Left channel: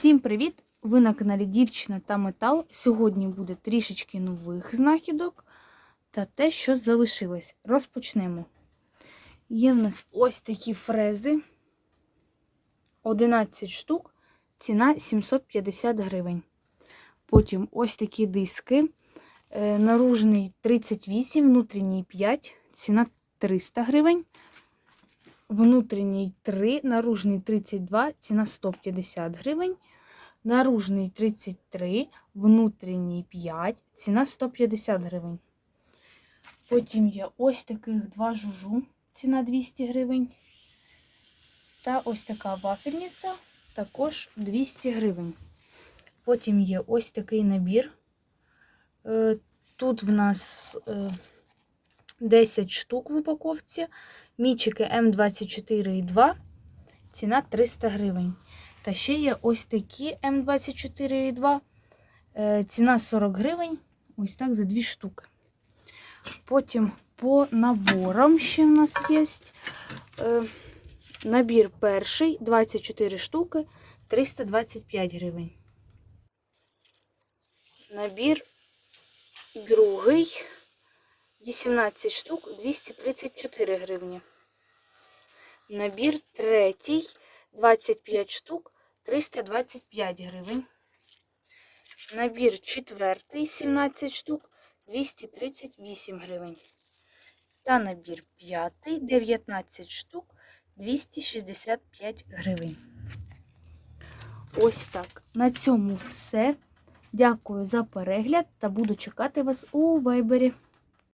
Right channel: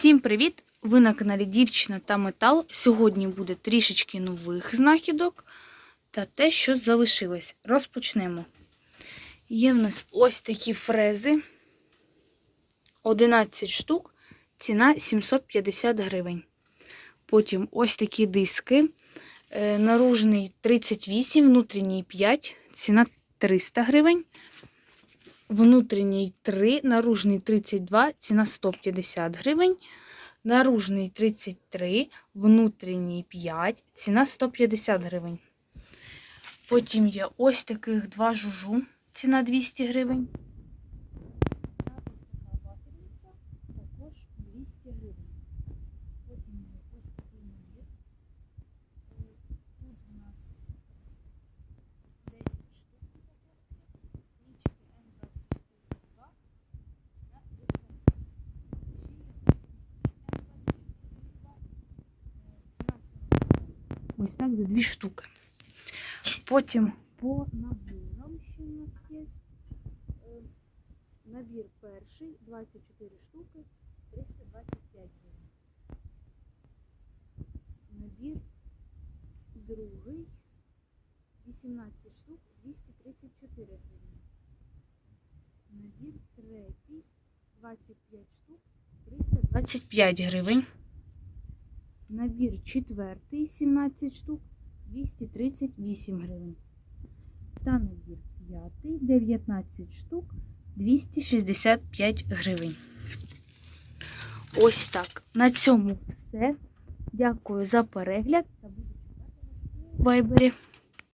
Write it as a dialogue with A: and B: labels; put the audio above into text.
A: Всім привіт! Ви на каналі Дівчина та Метал. Сьогодні буде трішечки нових знахідок та те, що залишилось. Розпочнемо. Є в нас ось такі фрези. 11 штук, ціна 750 гривень. Потім ось такі диски. Е, Наружний 38, внутрішній 5, ціна 300 гривень. Внутрішній 3, наружний 32, ціна 150 гривень. Наружний 33, внутрішній 5, ціна 150 гривень. Потім є ось таких два жужу, ціна 200 гривень. Та ось така вафельниця, також 200 гривень. Потім є ось такий набір. Е, Тут в нас е, 10 штук в упаковці. Мічики М24,2, ціна 300 гривень. Та ще є ось такі М24,2, е, ціна 40 гривень. Ось так за дві штуки. Потім по наборам ще в нас є. Е, Набір перший 24 штуки, 325 гривень. Набір другий 18 штук 234 гривні. Набір третій 25 штук 325 гривень. Набір четвертий 17 штук 238 гривень. Та набір п'ятий 19 штук 265 гривень. Ось так. На цьому все. Дякую за перегляд та буду чекати вас у вайбері.